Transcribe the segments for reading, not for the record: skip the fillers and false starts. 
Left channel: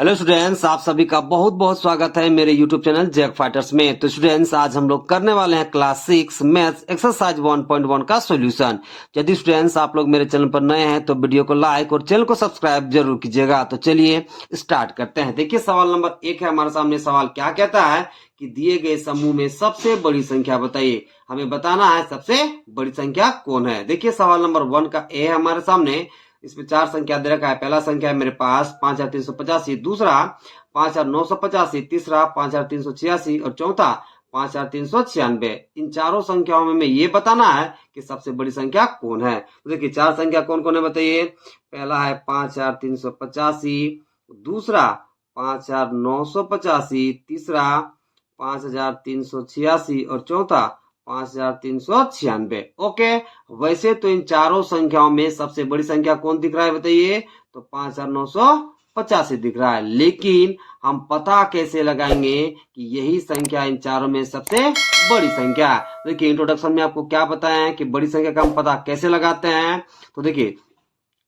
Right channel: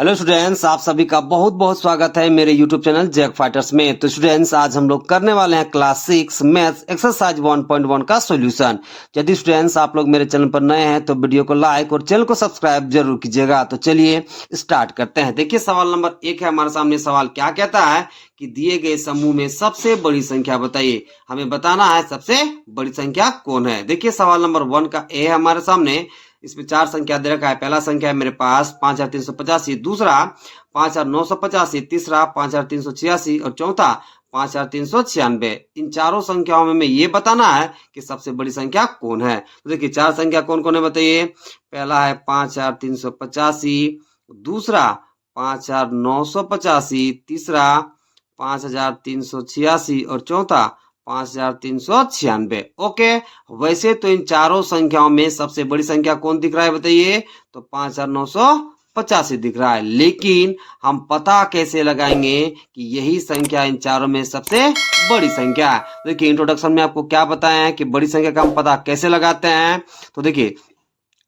Hello students, आप सभी का बहुत बहुत स्वागत है मेरे यूट्यूब चैनल जैक फाइटर्स में। तो स्टूडेंट्स, आज हम लोग करने वाले हैं क्लास 6 मैथ्स एक्सरसाइज 1.1 का सॉल्यूशन। यदि स्टूडेंट्स आप लोग मेरे चैनल पर नए हैं तो वीडियो को लाइक और चैनल को सब्सक्राइब जरूर कीजिएगा। तो चलिए स्टार्ट करते हैं। देखिए, सवाल नंबर 1 है हमारे सामने। सवाल क्या कहता है कि दिए गए समूह में सबसे बड़ी संख्या बताइए। हमें बताना है सबसे बड़ी संख्या कौन है। देखिए, सवाल नंबर 1 का ए है हमारे सामने। इसमें 4 संख्या दे रखा है। पहला संख्या है मेरे पास 5385, दूसरा 5985, तीसरा 5386 और चौथा 5396। इन चारों संख्याओं में ये बताना है कि सबसे बड़ी संख्या कौन है। तो देखिए, 4 संख्या कौन कौन है बताइए। पहला है 5385, दूसरा 5985, तीसरा 5386 और चौथा 5396। ओके, वैसे तो इन चारों संख्याओं में सबसे बड़ी संख्या कौन दिख रहा है बताइए। तो 5985 दिख रहा है, लेकिन हम पता कैसे लगाएंगे कि यही संख्या इन चारों में सबसे बड़ी संख्या। देखिए, इंट्रोडक्शन में आपको क्या बताया है कि बड़ी संख्या का हम पता कैसे लगाते हैं। तो देखिए,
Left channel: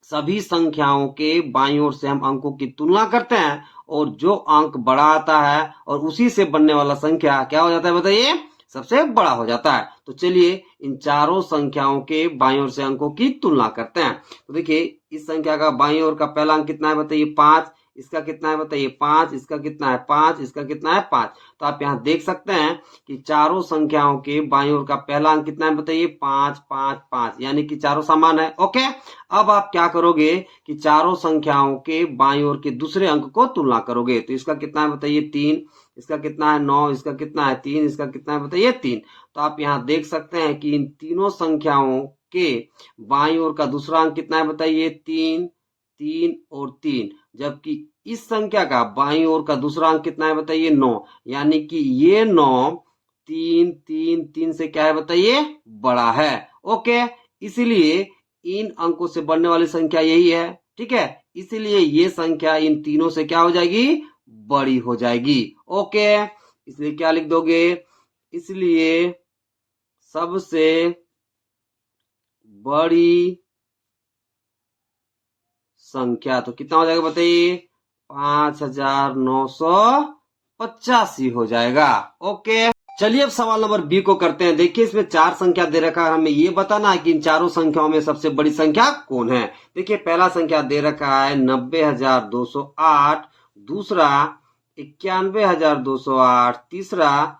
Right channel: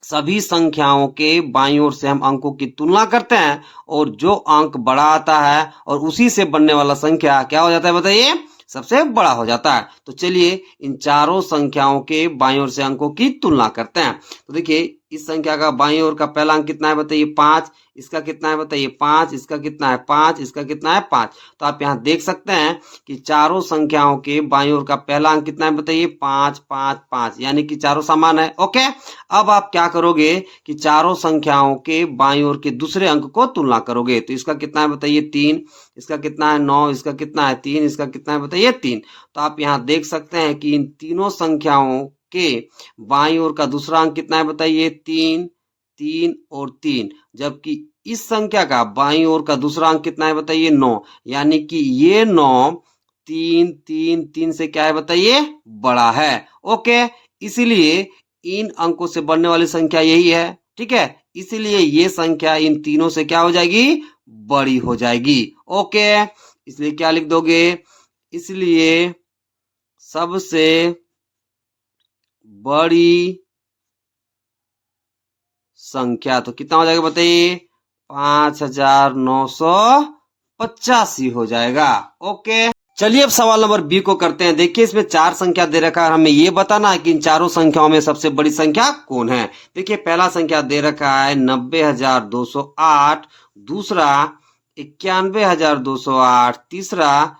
सभी संख्याओं के बाईं ओर से हम अंकों की तुलना करते हैं और जो अंक बड़ा आता है और उसी से बनने वाला संख्या क्या हो जाता है बताइए, सबसे बड़ा हो जाता है। तो चलिए इन चारों संख्याओं के बाईं ओर से अंकों की तुलना करते हैं। तो देखिए, इस संख्या का बाईं ओर का पहला अंक कितना है बताइए, 5। इसका कितना है बताइए, 5। इसका कितना है, 5। इसका कितना है, 5। तो आप यहाँ देख सकते हैं कि चारों संख्याओं के बाईं ओर का पहला अंक कितना है बताइए, 5 5 5, यानी कि चारों समान है। ओके, अब आप क्या करोगे कि चारों संख्याओं के बाईं ओर के दूसरे अंक को तुलना करोगे। तो इसका कितना है बताइए, 3। इसका कितना है, 9। इसका कितना है, 3। इसका कितना है बताइए, 3। तो आप यहाँ देख सकते हैं कि इन तीनों संख्याओं के बाईं ओर का दूसरा अंक कितना है बताइए, 3 3 और 3। जबकि इस संख्या का बाईं ओर का दूसरा अंक कितना है बताइए, 9। यानी कि ये 9 3 3 3 से क्या है बताइए, बड़ा है। ओके, इसलिए इन अंकों से बढ़ने वाली संख्या यही है। ठीक है, इसलिए ये संख्या इन तीनों से क्या हो जाएगी, बड़ी हो जाएगी। ओके, इसलिए क्या लिख दोगे, इसलिए सबसे बड़ी संख्या तो कितना हो जाएगा बताइए, 5985 हो जाएगा। ओके, चलिए अब सवाल नंबर बी को करते हैं। देखिए, इसमें 4 संख्या दे रखा है, हमें ये बताना है कि इन चारों संख्याओं में सबसे बड़ी संख्या कौन है। देखिए, पहला संख्या दे रखा है 90,208, दूसरा 91,208, तीसरा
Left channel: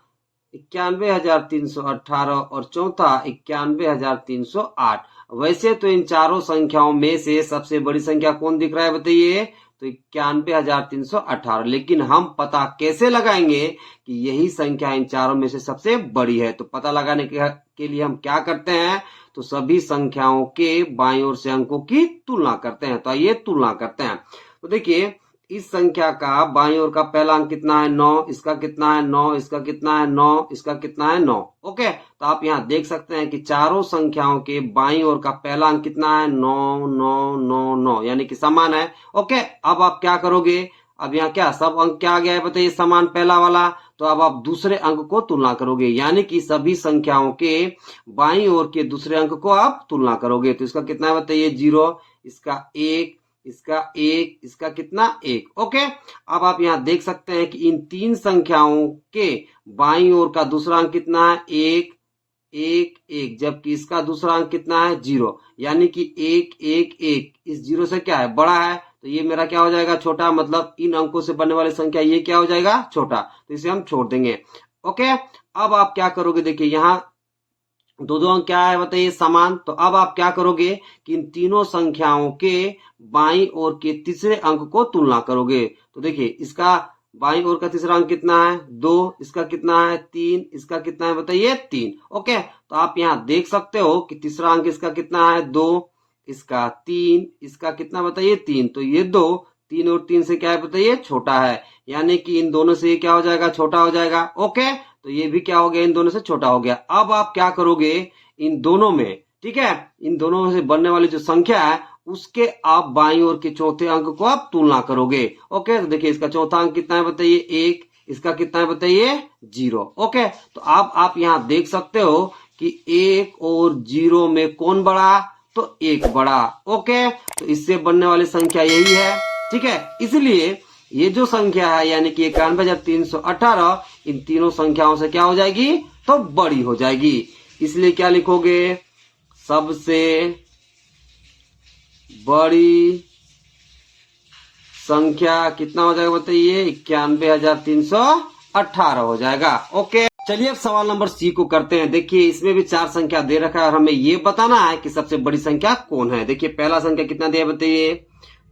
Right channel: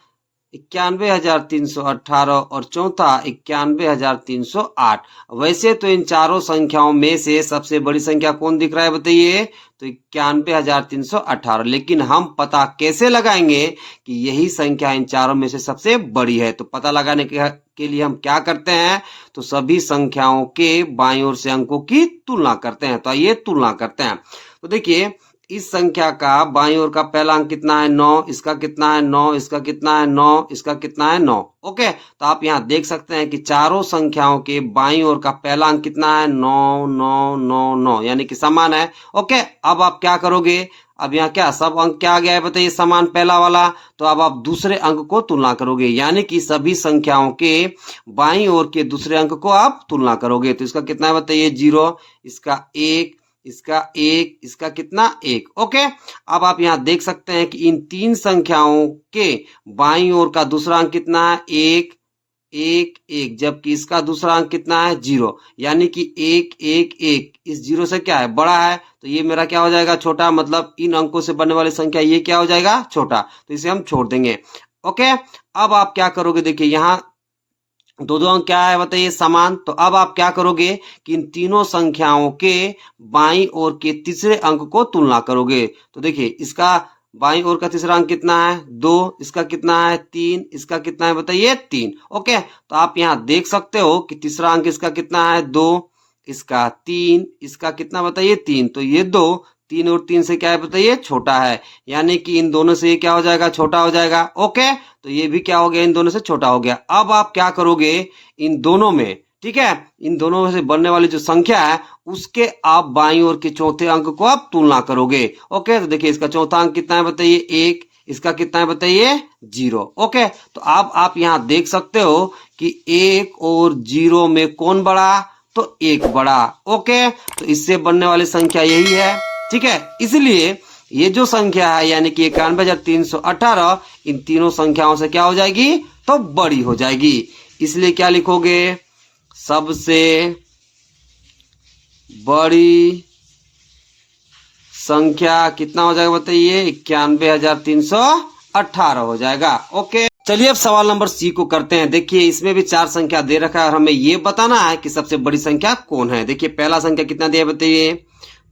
91,318 और चौथा 91,308। वैसे तो इन चारों संख्याओं में से सबसे बड़ी संख्या कौन दिख रहा है बताइए, तो 91,318। लेकिन हम पता कैसे लगाएंगे कि यही संख्या इन चारों में से सबसे बड़ी है। तो पता लगाने के लिए हम क्या करते हैं, तो सभी संख्याओं के बाईं ओर से अंकों की तुलना करते हैं। तो आइए तुलना करते हैं। तो देखिए, इस संख्या का बाईं ओर का पहला अंक कितना है, 9। इसका कितना है, 9। इसका कितना है, 9। इसका कितना है, 9। ओके, तो आप यहाँ देख सकते हैं कि चारों संख्याओं के बाईं ओर का पहला अंक कितना है, 9 9 9 9, यानी कि समान है। ओके, अब आप क्या करोगे, अब यहाँ क्या सब अंक क्या आ गया है बताइए, समान पहला वाला। तो अब आप दूसरे अंक को तुलना करोगे, यानी कि सभी संख्याओं के बाईं ओर के दूसरे अंक को आप तुलना करोगे। तो इसका कितना है बताइए, 0। इसका 1, इसका 1, इसका कितना, 1। ओके, अब आप यहाँ देख सकते हैं कि इन तीन संख्याओं के बाईं ओर का दूसरा अंक कितना है, 1 1 1, जबकि इसका दूसरा अंक कितना है, 0। यानी कि 1 1 1 इस 0 से क्या है, बड़ा है। तो ये मेरा क्या हो जाएगा, छोटा। मतलब इन अंकों से बनने वाली संख्या ये क्या हो जाएगा, छोटा। तो इसे हम छोड़ देंगे। ओके, अब आप क्या करोगे, देखिए यहाँ दो दो अंक क्या है बताइए, समान। तो अब आप क्या करोगे कि इन तीनों संख्याओं के बाईं ओर के तीसरे अंक को तुलना करोगे। तो देखिए, इसका बाईं ओर का तीसरा अंक कितना है, 2। इसका कितना है, 3। इसका कितना है बताइए, 3। ओके, तो आप यहाँ देख सकते हो कि तीसरा अंक इसका कितना है, 2। इसका 3। इसका कितना बताइए, 3। तो ये 2 3 और 3 से क्या है बताइए, छोटा है। यानी कि इन दोनों से ये क्या हो जाएगा, छोटा हो जाएगा। ओके, तो ये भी क्या हो गया, इन दोनों से छोटा हो गया। अब आप क्या करोगे, इन दोनों में, ठीक है, इन दोनों में से बनने वाली जो संख्या है उसके आप बाईं ओर के चौथे अंक को आप तुलना करोगे। ओके, तो देखिए, इसका चौथा अंक कितना है बताइए, 1। इसका कितना है बताइए, 0। ओके, तो अब आप यहाँ देख सकते हो कि 1 और 0 में कौन बड़ा, तो 1 बड़ा। ओके, तो इससे बनने वाली संख्या यही है। ठीक है, इसलिए ये जो संख्या है यानी कि 91,318 इन तीनों संख्याओं से क्या हो जाएगी, तो बड़ी हो जाएगी। इसलिए क्या लिखोगे, सबसे बड़ी संख्या कितना हो जाएगा बताइए, 91,318 हो जाएगा। ओके, चलिए अब सवाल नंबर सी को करते हैं। देखिए इसमें भी 4 संख्या दे रखा है और हमें ये बताना है कि सबसे बड़ी संख्या कौन है। देखिए पहला संख्या कितना दिया बताइए,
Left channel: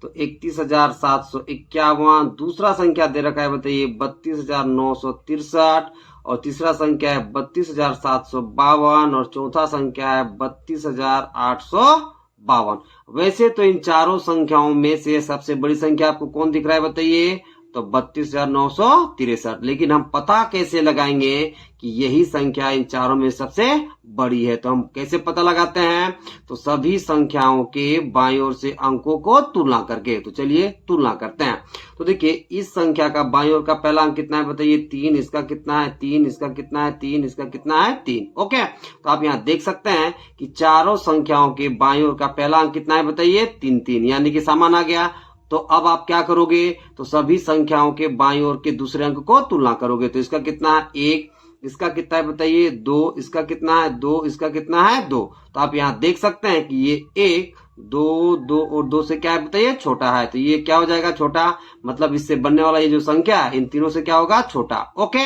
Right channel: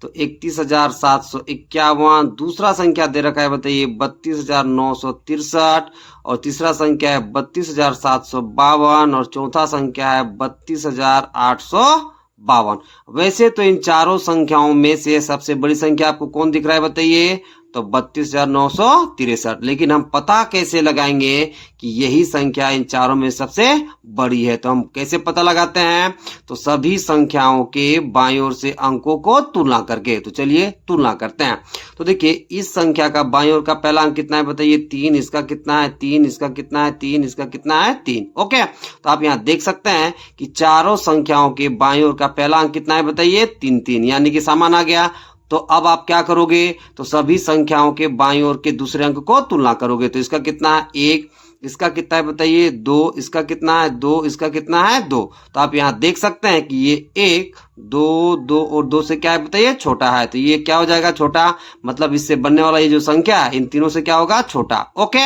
तो 31,751। दूसरा संख्या दे रखा है बताइए 32,963 और तीसरा संख्या है 32,752 और चौथा संख्या है 32,852। वैसे तो इन चारों संख्याओं में से सबसे बड़ी संख्या आपको कौन दिख रहा है बताइए, तो 32,963। लेकिन हम पता कैसे लगाएंगे कि यही संख्या इन चारों में सबसे बड़ी है, तो हम कैसे पता लगाते हैं, तो सभी संख्याओं के बाईं ओर से अंकों को तुलना करके। तो चलिए तुलना करते हैं। तो देखिए इस संख्या का बाईं ओर का पहला अंक कितना है बताइए, 3। इसका कितना है 3, इसका कितना है 3, इसका कितना है 3। ओके, तो आप यहाँ देख सकते हैं कि चारों संख्याओं के बाईं ओर का पहला अंक कितना है बताइए, 3 3, यानी कि समान आ गया। तो अब आप क्या करोगे, तो सभी संख्याओं के बाईं ओर के दूसरे अंक को तुलना करोगे। तो इसका कितना है 1, इसका कितना है बताइए 2, इसका कितना है 2, इसका कितना है 2। तो आप यहाँ देख सकते हैं कि ये 1 2 2 और 2 से क्या है बताइए, छोटा है। तो ये क्या हो जाएगा, छोटा, मतलब इससे बनने वाला ये जो संख्या है इन तीनों से क्या होगा, छोटा। ओके,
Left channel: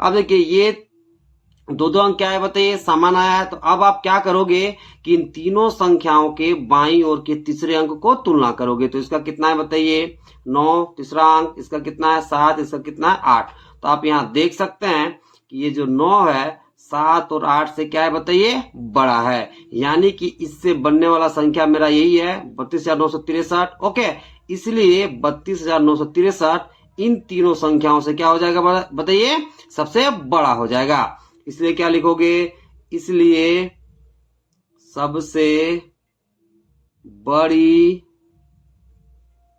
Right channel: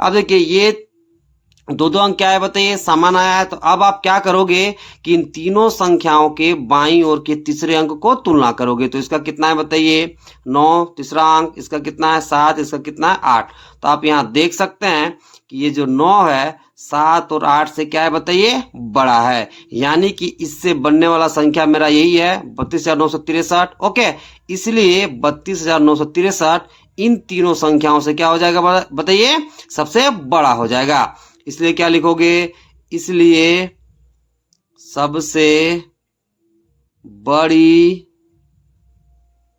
अब देखिए ये दो दो अंक क्या है बताइए, समान आया है। तो अब आप क्या करोगे कि इन तीनों संख्याओं के बाईं ओर के तीसरे अंक को तुलना करोगे। तो इसका कितना है बताइए 9, तीसरा अंक, इसका कितना है 7, इसका कितना है 8। तो आप यहाँ देख सकते हैं कि ये जो 9 है 7 और 8 से क्या है बताइए, बड़ा है। यानी कि इससे बनने वाला संख्या मेरा यही है 32,963। ओके, इसलिए 32,963 इन तीनों संख्याओं से क्या हो जाएगा बताइए, सबसे बड़ा हो जाएगा। इसलिए क्या लिखोगे, इसलिए सबसे बड़ी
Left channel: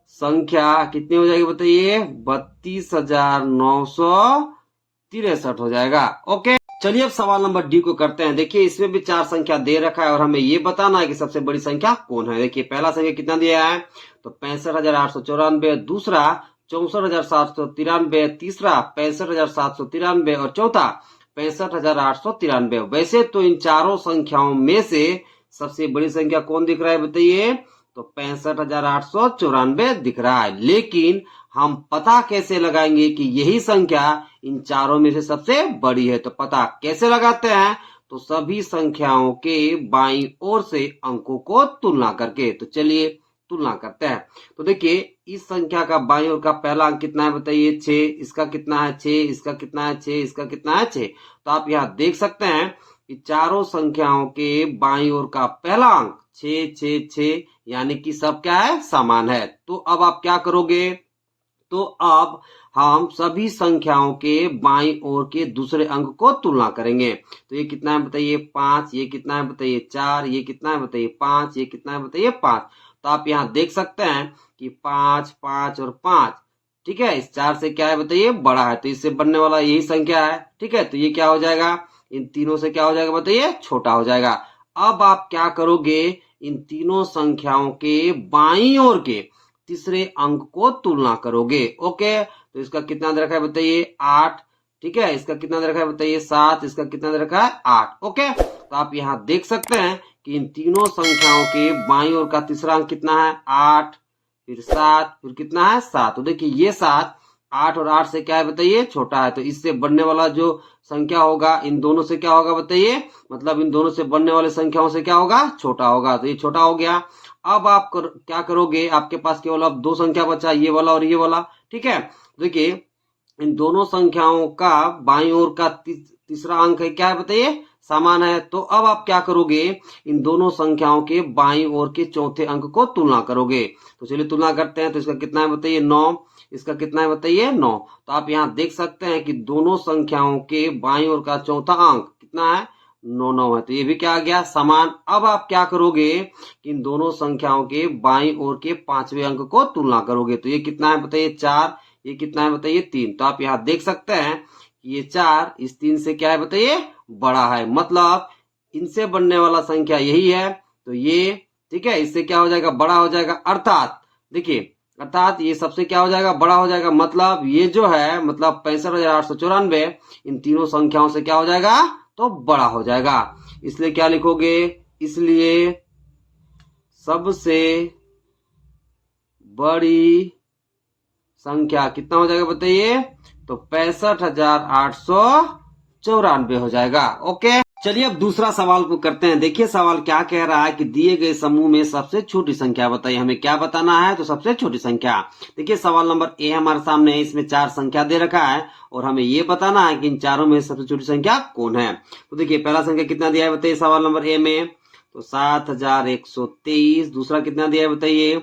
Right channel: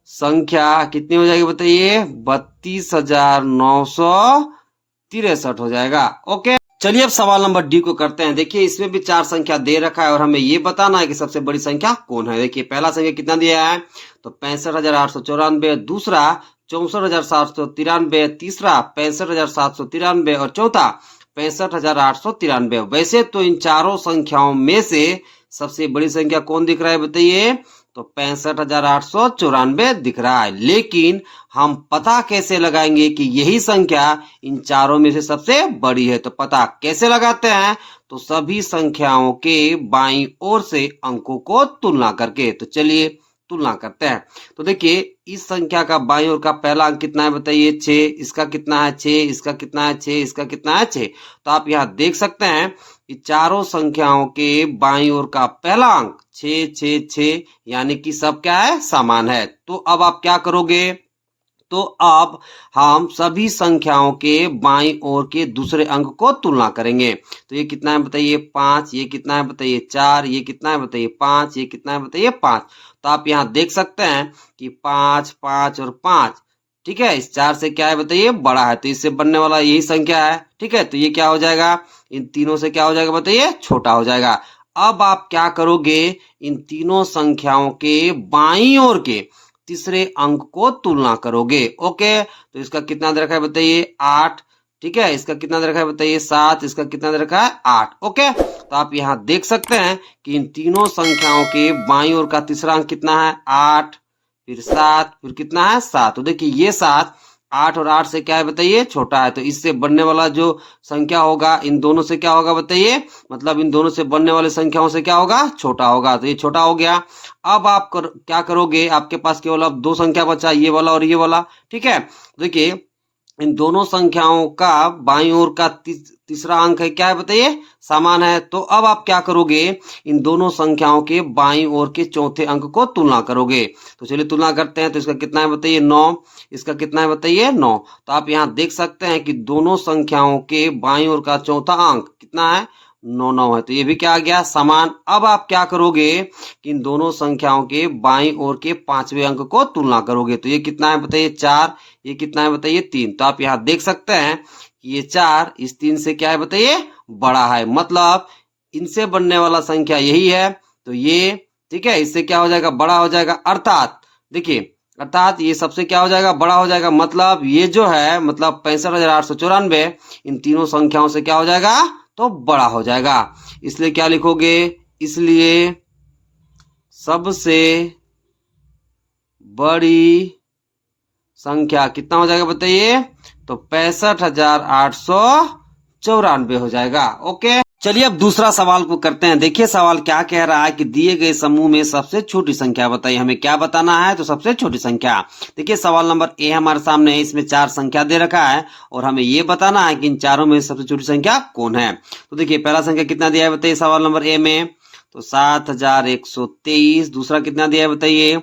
संख्या कितनी हो जाएगी बताइए, 32,963 हो जाएगा। ओके, चलिए अब सवाल नंबर डी को करते हैं। देखिए इसमें भी 4 संख्या दे रखा है और हमें ये बताना है कि सबसे बड़ी संख्या कौन है। देखिए पहला संख्या कितना दिया है, तो 65,894। दूसरा 64,793। तीसरा 65,793 और चौथा 65,893। वैसे तो इन चारों संख्याओं में से सबसे बड़ी संख्या कौन दिख रहा है बताइए, तो 65,894 दिख रहा है। लेकिन हम पता कैसे लगाएंगे कि यही संख्या इन चारों में से सबसे बड़ी है। तो पता कैसे लगाते हैं, तो सभी संख्याओं के बाईं ओर से अंकों को तुलना करके। तो चलिए तुलना करते हैं। तो देखिए इस संख्या का बाईं ओर का पहला अंक कितना है बताइए 6, इसका कितना है 6, इसका कितना है 6, इसका कितना है 6। तो आप यहाँ देख सकते हैं कि चारों संख्याओं के बाईं ओर का पहला अंक 6 6 6, यानी कि सब क्या है, समान है। तो अब आप क्या करोगे, तो अब हम सभी संख्याओं के बाईं ओर के दूसरे अंक को तुलना करेंगे। तो ये कितना है बताइए 5, ये कितना है बताइए 4, ये कितना है बताइए 5, ये कितना है बताइए 5। तो आप यहाँ देख सकते हैं कि 5 5 और 5, ठीक है, इस 4 से क्या है बताइए, बड़ा है। तो इससे बनने वाला यही संख्या है, ठीक है। तो ये क्या हो जाएगा, इन तीनों से क्या हो जाएगा बताइए, छोटा हो जाएगा। अब आप क्या करोगे, इन तीनों संख्याओं के बाईं ओर के तीसरे अंक को तुलना करोगे। ओके, तो इसका कितना दे रखा है बताइए 8, ठीक है, इसका कितना दे रखा है बताइए 7, इसका कितना दे रखा है 8। ओके, तो आप यहाँ देख सकते हैं कि इन तीनों संख्याओं के बाईं ओर का तीसरा अंक कितना है 8, फिर 7, फिर कितना है 7। तो देखिए ये 7 8 और 8 से क्या है बताइए, छोटा है। तो इससे बनने वाला जो संख्या होगा इन दोनों से क्या होगा बताइए, मतलब इन दोनों से बनने वाले संख्याओं से क्या होगा, छोटा होगा। तो ये छोटा हो गया। अब आप क्या करोगे, आपके पास केवल अब 2 संख्या बचा, ये वाला और ये वाला, ठीक है। देखिए इन दोनों संख्याओं का बाईं ओर का तीसरा अंक है क्या है बताइए, समान है। तो अब आप क्या करोगे, इन दोनों संख्याओं के बाईं ओर के चौथे अंक को तुलना करोगे। तो चलिए तुलना करते हैं। तो इसका कितना है बताइए 9, इसका कितना है बताइए 9। तो आप यहाँ देख सकते हैं कि दोनों संख्याओं के बाईं ओर का चौथा अंक कितना है 9 9 है। तो ये भी क्या आ गया, समान। अब आप क्या करोगे कि इन दोनों संख्याओं के बाईं ओर के पांचवें अंक को तुलना करोगे। तो ये कितना है बताइए 4, ये कितना है बताइए 3। तो आप यहाँ देख सकते हैं कि ये 4 इस 3 से क्या है बताइए, बड़ा है। मतलब इनसे बनने वाला संख्या यही है। तो ये ठीक है, इससे क्या हो जाएगा, बड़ा हो जाएगा। अर्थात देखिए अर्थात ये सबसे क्या हो जाएगा, बड़ा हो जाएगा। मतलब ये जो है, मतलब 65,894 इन तीनों संख्याओं से क्या हो जाएगा, तो बड़ा हो जाएगा। इसलिए क्या लिखोगे, इसलिए सबसे बड़ी संख्या कितना हो जाएगा बताइए, तो 65,894 हो जाएगा। ओके, चलिए अब दूसरा सवाल को करते हैं। देखिए सवाल क्या कह रहा है कि दिए गए समूह में सबसे छोटी संख्या बताइए। हमें क्या बताना है, तो सबसे छोटी संख्या। देखिए सवाल नंबर ए हमारे सामने है, इसमें 4 संख्या दे रखा है और हमें ये बताना है कि इन चारों में सबसे छोटी संख्या कौन है। तो देखिए पहला संख्या कितना दिया है बताइए सवाल नंबर ए में, तो 7,123। दूसरा कितना दिया है बताइए,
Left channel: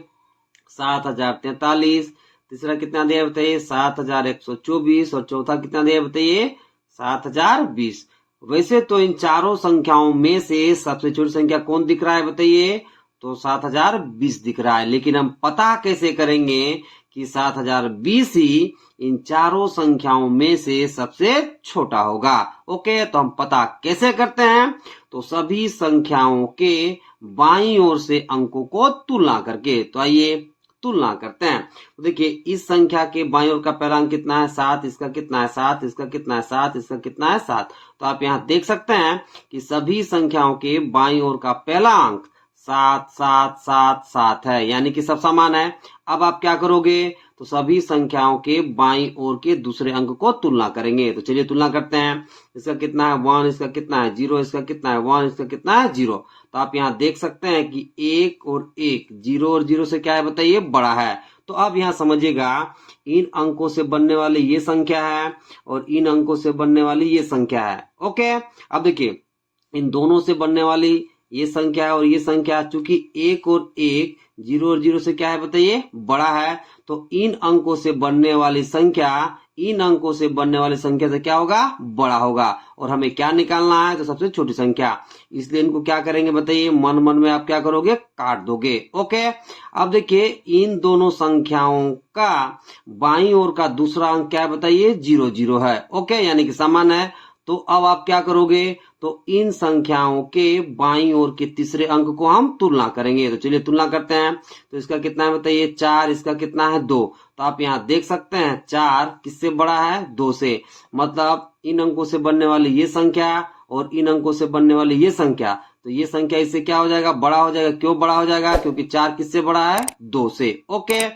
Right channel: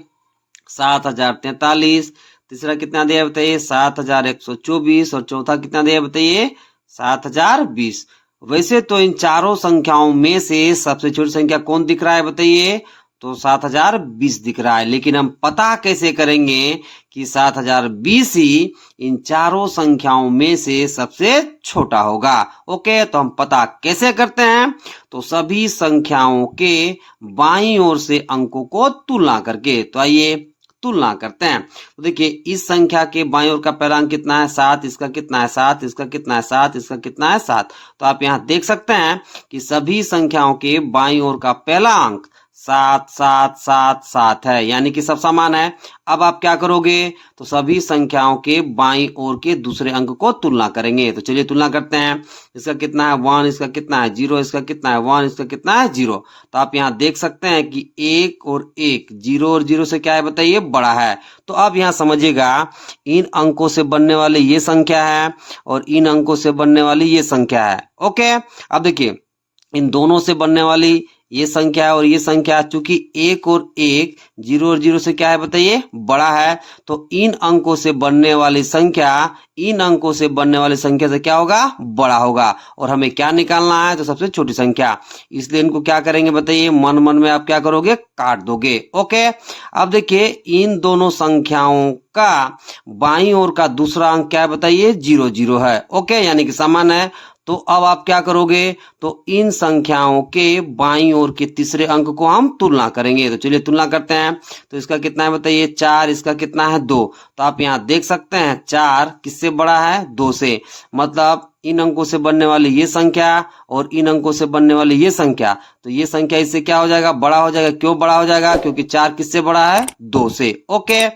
7,043। तीसरा कितना दिया है बताइए, 7,124। और चौथा कितना दिया है बताइए, 7,020। वैसे तो इन चारों संख्याओं में से सबसे छोटी संख्या कौन दिख रहा है बताइए, तो 7,020 दिख रहा है। लेकिन हम पता कैसे करेंगे कि 7,020 ही इन चारों संख्याओं में से सबसे छोटा होगा। ओके, तो हम पता कैसे करते हैं, तो सभी संख्याओं के बाईं ओर से अंकों को तुलना करके। तो आइए तुलना करते हैं। तो देखिए इस संख्या के बाईं ओर का पहला अंक कितना है, 7। इसका कितना है, 7। इसका कितना है, 7। इसका कितना है, 7। तो आप यहाँ देख सकते हैं कि सभी संख्याओं के बाईं ओर का पहला अंक 7 7 7 7 है, यानी कि सब समान है। अब आप क्या करोगे, तो सभी संख्याओं के बाईं ओर के दूसरे अंक को तुलना करेंगे। तो चलिए तुलना करते हैं। इसका कितना है 1, इसका कितना है 0, इसका कितना है 1, इसका कितना है 0। तो आप यहाँ देख सकते हैं कि 1 और 1, 0 और 0 से क्या है बताइए, बड़ा है। तो अब यहाँ समझिएगा, इन अंकों से बनने वाले ये संख्या है और इन अंकों से बनने वाली ये संख्या है। ओके, अब देखिए इन दोनों से बनने वाली ये संख्या है और ये संख्या, चूंकि 1 और 1, 0 और 0 से क्या है बताइए, बड़ा है। तो इन अंकों से बनने वाली संख्या इन अंकों से बनने वाली संख्या से क्या होगा, बड़ा होगा। और हमें क्या निकालना है, तो सबसे छोटी संख्या। इसलिए इनको क्या करेंगे बताइए, मन मन में आप क्या करोगे, काट दोगे। ओके, अब देखिए इन दोनों संख्याओं का बाईं ओर का दूसरा अंक क्या है बताइए, 0 0 है। ओके, यानी कि समान है। तो अब आप क्या करोगे, तो इन संख्याओं के बाईं ओर के तीसरे अंक को हम तुलना करेंगे। तो चलिए तुलना करते हैं। तो इसका कितना है बताइए, 4। इसका कितना है 2। तो आप यहाँ देख सकते हैं 4 किससे बड़ा है, 2 से। मतलब इन अंकों से बनने वाली ये संख्या और इन अंकों से बनने वाली ये संख्या, तो ये संख्या इससे क्या हो जाएगा, बड़ा हो जाएगा। क्यों बड़ा हो जाएगा, क्योंकि 4 किससे बड़ा है, 2 से। ओके,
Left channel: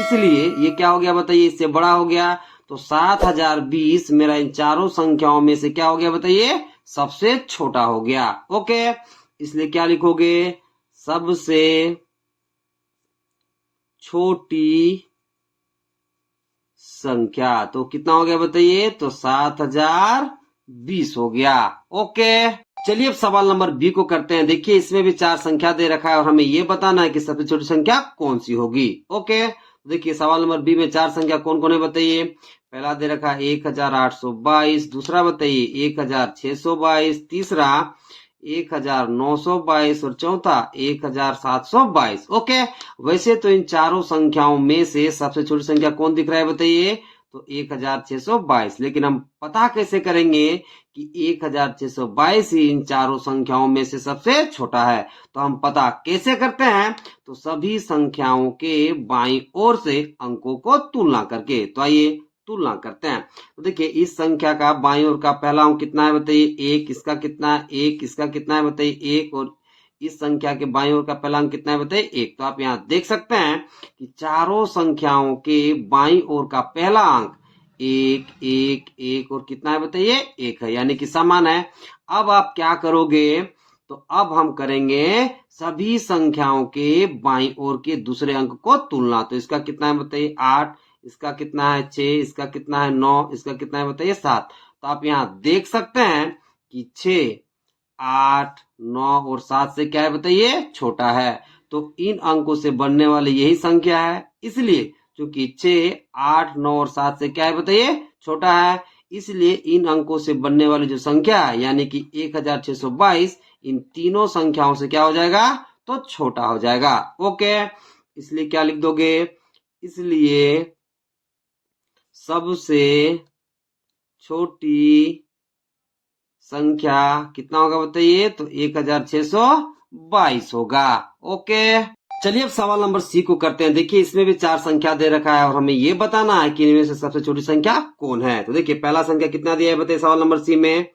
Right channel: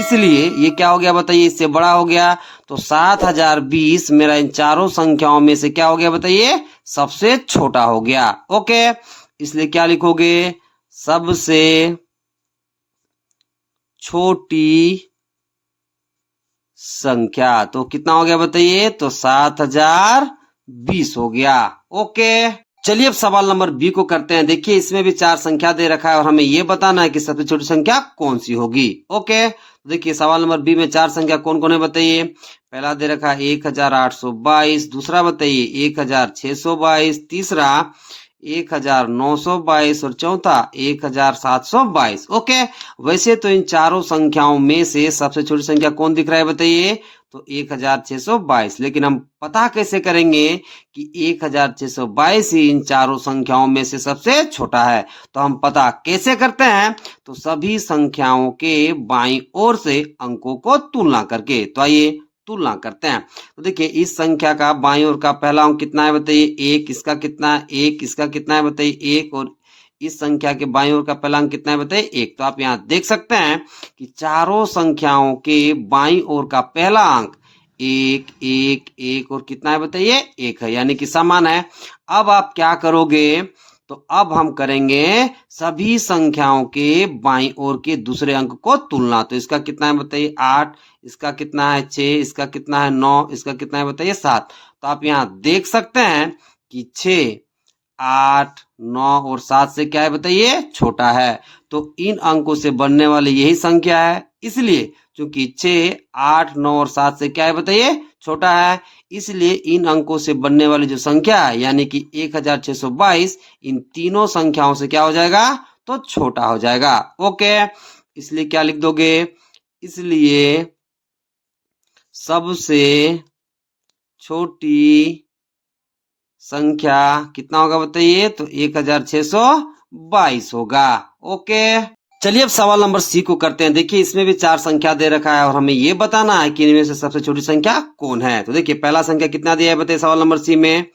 इसलिए ये क्या हो गया बताइए, इससे बड़ा हो गया। तो 7,020 मेरा इन चारों संख्याओं में से क्या हो गया बताइए, सबसे छोटा हो गया। ओके, इसलिए क्या लिखोगे, सबसे छोटी संख्या। तो कितना हो गया बताइए, तो 7,020 हो गया। ओके, चलिए अब सवाल नंबर बी को करते हैं। देखिए इसमें भी 4 संख्या दे रखा है और हमें यह बताना है कि सबसे छोटी संख्या कौन सी होगी। ओके, देखिए सवाल नंबर बी में 4 संख्या कौन कौन है बताइए। पहला दे रखा है 1,822। दूसरा बताइए 1,622। तीसरा 1,922 और चौथा 1,722। ओके, वैसे तो इन चारों संख्याओं में से सबसे छोटी संख्या कौन दिख रहा है बताइए, तो 1,622। लेकिन हम पता कैसे करेंगे कि 1,622 ही इन चारों संख्याओं में से सबसे छोटा है। तो हम पता कैसे करते हैं, तो सभी संख्याओं के बाईं ओर से अंकों को तुलना करके। तो आइए तुलना करते हैं। तो देखिए इस संख्या का बाईं ओर का पहला अंक कितना है बताइए, 1। इसका कितना है 1। इसका कितना है बताइए 1। और इस संख्या के बाईं ओर का पहला अंक कितना है बताइए 1। तो आप यहाँ देख सकते हैं कि चारों संख्याओं के बाईं ओर का पहला अंक 1 1 1 और कितना है बताइए 1 है, यानी कि समान है। अब आप क्या करोगे, तो अब हम करेंगे सभी संख्याओं के बाईं ओर के दूसरे अंक को तुलना। तो इसका कितना है बताइए 8। इसका कितना है 6। इसका कितना है 9। इसका कितना है बताइए 7। तो आप यहाँ देख सकते हैं कि 6 8 9 और 7 से क्या है बताइए, छोटा है। तो इन अंकों से बनने वाली यही संख्या है, इसलिए चूंकि 6 8 9 और 7 से क्या है बताइए, छोटा है, इसलिए इन अंकों से बनने वाली जो संख्या है यानी कि 1,622 इन तीनों संख्याओं से क्या हो जाएगा, तो छोटा हो जाएगा। ओके, इसलिए क्या लिख दोगे, इसलिए सबसे छोटी संख्या कितना होगा बताइए, तो 1,622 होगा। ओके, चलिए अब सवाल नंबर सी को करते हैं। देखिए इसमें भी चार संख्या दे रखा है और हमें ये बताना है कि इनमें से सबसे छोटी संख्या कौन है। तो देखिए पहला संख्या कितना दिया है बताइए सवाल नंबर सी में,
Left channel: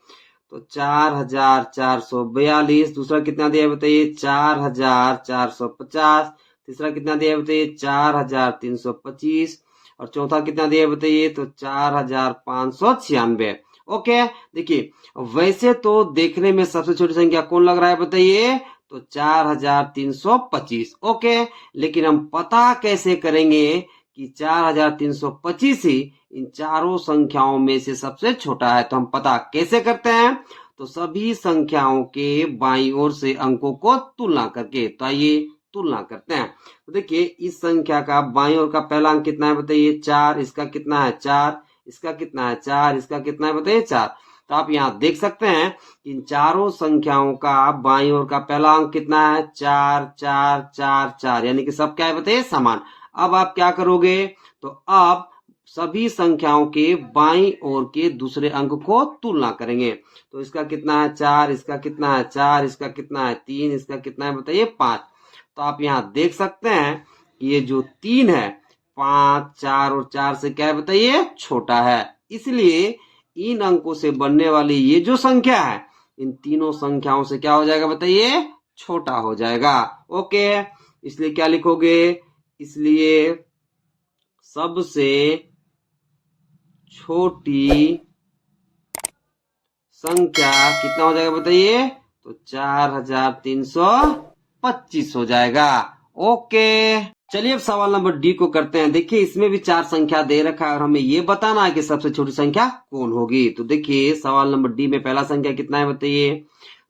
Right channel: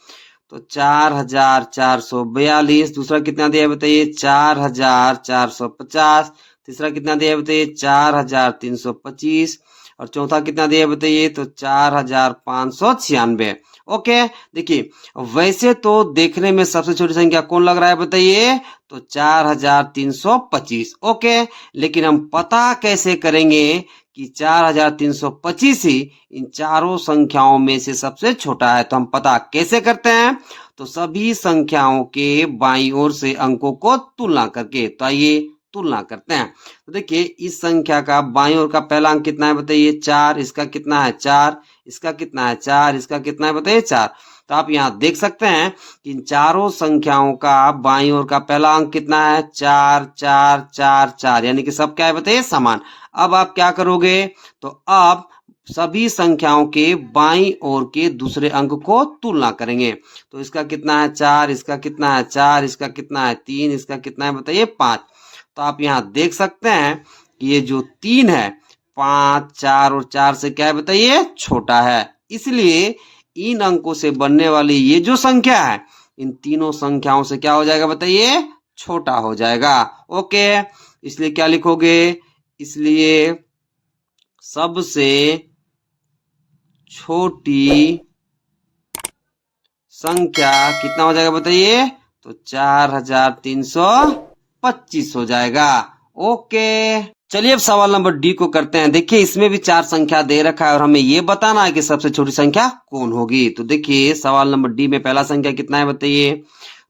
तो 4442। दूसरा कितना दिया है बताइए 4450। तीसरा कितना दिया है बताइए 4325। और चौथा कितना दिया है बताइए तो 4596। ओके, देखिए वैसे तो देखने में सबसे छोटी संख्या कौन लग रहा है बताइए, तो 4325। ओके, लेकिन हम पता कैसे करेंगे कि 4325 ही इन चारों संख्याओं में से सबसे छोटा है। तो हम पता कैसे करते हैं, तो सभी संख्याओं के बाईं ओर से अंकों को तुलना करके। तो आइए तुलना करते हैं। तो देखिए इस संख्या का बाईं ओर का पहला अंक कितना है बताइए 4, इसका कितना है 4, इसका कितना है 4, इसका कितना है बताइए 4। तो आप यहाँ देख सकते हैं कि इन चारों संख्याओं का बाईं ओर का पहला अंक कितना है 4 4 4 4, यानी कि सब क्या है बताइए समान। अब आप क्या करोगे, तो अब सभी संख्याओं के बाईं ओर के दूसरे अंक को तुलना करेंगे। तो इसका कितना है 4, इसका कितना है 4, इसका कितना है 3, इसका कितना है बताइए 5। तो आप यहाँ देख सकते हैं कि ये जो 3 है 5, 4 और 4 से क्या है बताइए छोटा है। इसलिए इन अंकों से बनने वाली ये जो संख्या है इन तीनों संख्याओं से क्या हो जाएगा बताइए छोटा हो जाएगा। ओके, इसलिए क्या लिखोगे, इसलिए सबसे छोटी संख्या कितना हो जाएगा बताइए, तो 4325 हो जाएगा। ओके, चलिए अब सवाल नंबर डी को करते हैं। देखिए इसमें भी चार संख्या दे रखा है और हमें ये बताना है कि सबसे छोटी संख्या कौन होगी। तो देखिए सवाल नंबर डी में पहला संख्या कितना है बताइए,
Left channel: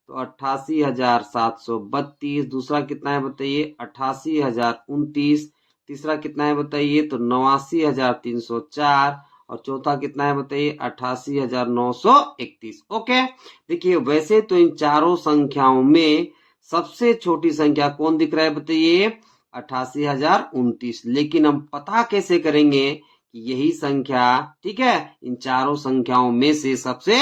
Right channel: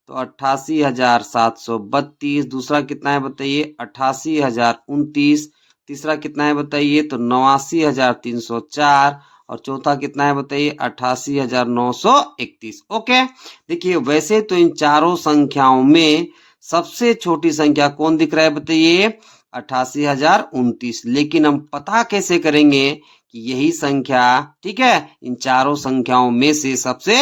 तो 88,732। दूसरा कितना है बताइए 88,029। तीसरा कितना है बताइए तो 89,304। और चौथा कितना है बताइए 88,931। ओके, देखिए वैसे तो इन चारों संख्याओं में सबसे छोटी संख्या कौन दिख रहा है बताइए 88,029। लेकिन हम पता कैसे करेंगे कि यही संख्या ठीक है इन चारों संख्याओं में से सबसे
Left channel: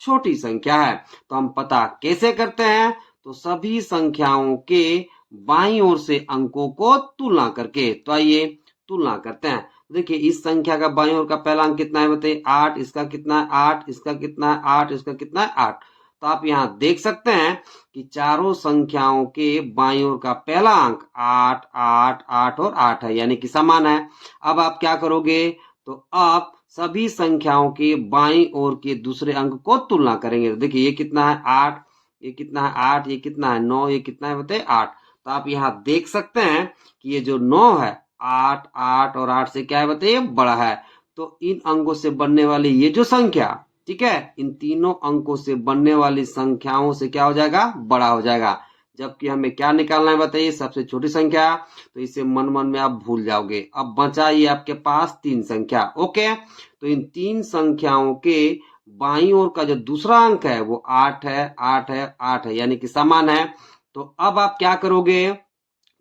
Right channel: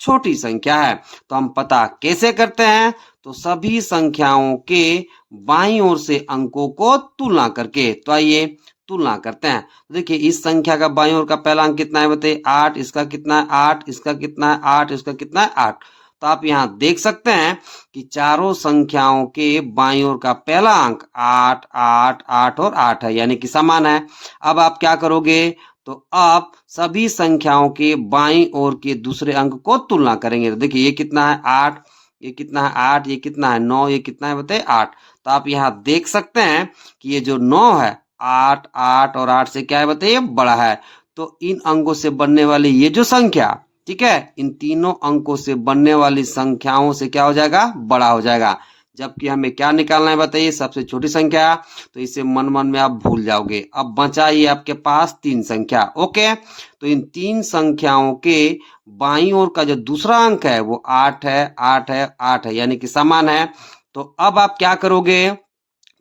छोटी संख्या है। तो हम पता कैसे करते हैं, तो सभी संख्याओं के बाईं ओर से अंकों को तुलना करके। तो आइए तुलना करते हैं। देखिए इस संख्या का बाईं ओर का पहला अंक कितना है बताइए 8, इसका कितना है 8, इसका कितना है 8, इसका कितना है 8। तो आप यहाँ देख सकते हैं कि चारों संख्याओं के बाईं ओर का पहला अंक 8 8 8 और 8 है, यानी कि समान है। अब आप क्या करोगे, तो आप सभी संख्याओं के बाईं ओर के दूसरे अंक को तुलना करेंगे। तो देखिए ये कितना है 8, ये कितना है 8, ये कितना है 9, ये कितना है बताइए 8। तो आप यहाँ देख सकते हैं कि ये जो 9 है 8 8 और 8 से क्या है बताइए बड़ा है। तो इन अंकों से बनने वाली ये जो संख्या ठीक है इन तीनों अंकों से बनने वाली संख्याओं से क्या हो जाएगा बड़ा हो जाएगा। जबकि हमें क्या निकालना है बताइए सबसे छोटी संख्या। तो इसे मन मन में आप भूल जाओगे। अब बचा ये आपके पास तीन संख्या। ओके, तो इन तीन संख्याओं के बाईं ओर का जो दूसरा अंक है वो 8 है 8 है 8 है, यानी कि समान है। तो अब आप क्या करोगे,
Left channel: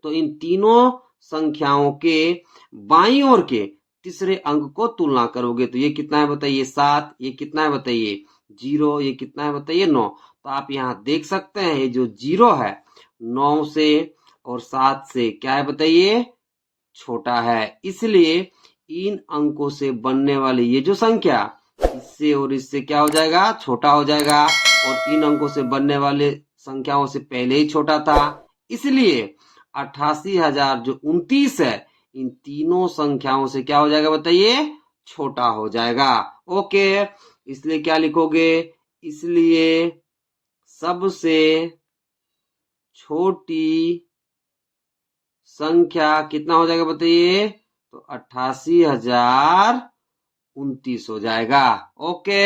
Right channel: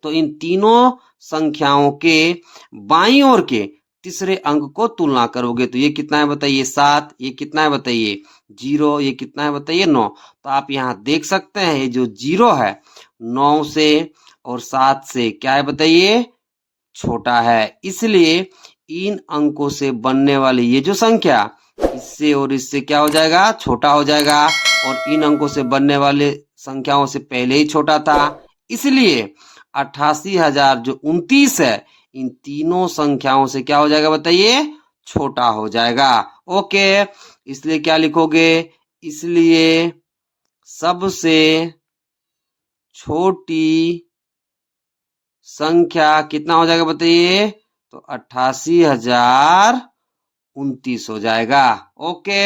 तो इन तीनों संख्याओं के बाईं ओर के तीसरे अंक को तुलना करोगे। तो ये कितना है बताइए 7, ये कितना है बताइए 0, ये कितना है बताइए 9। तो आप यहाँ देख सकते हैं ये जो 0 है 9 से और 7 से क्या है बताइए छोटा है। इसलिए इन अंकों से बनने वाली ये जो संख्या इससे और इससे क्या हो जाएगा छोटा हो जाएगा, और इन अंकों से बनने वाले संख्याओं से पहले ही छोटा था। इसलिए 88,029 है इन तीनों संख्याओं से क्या हो जाएगा बताइए छोटा हो जाएगा। ओके, इसलिए क्या लिखोगे, इसलिए सबसे छोटी संख्या कितना हो जाएगा बताइए, तो 88,029 हो जाएगा। ओके।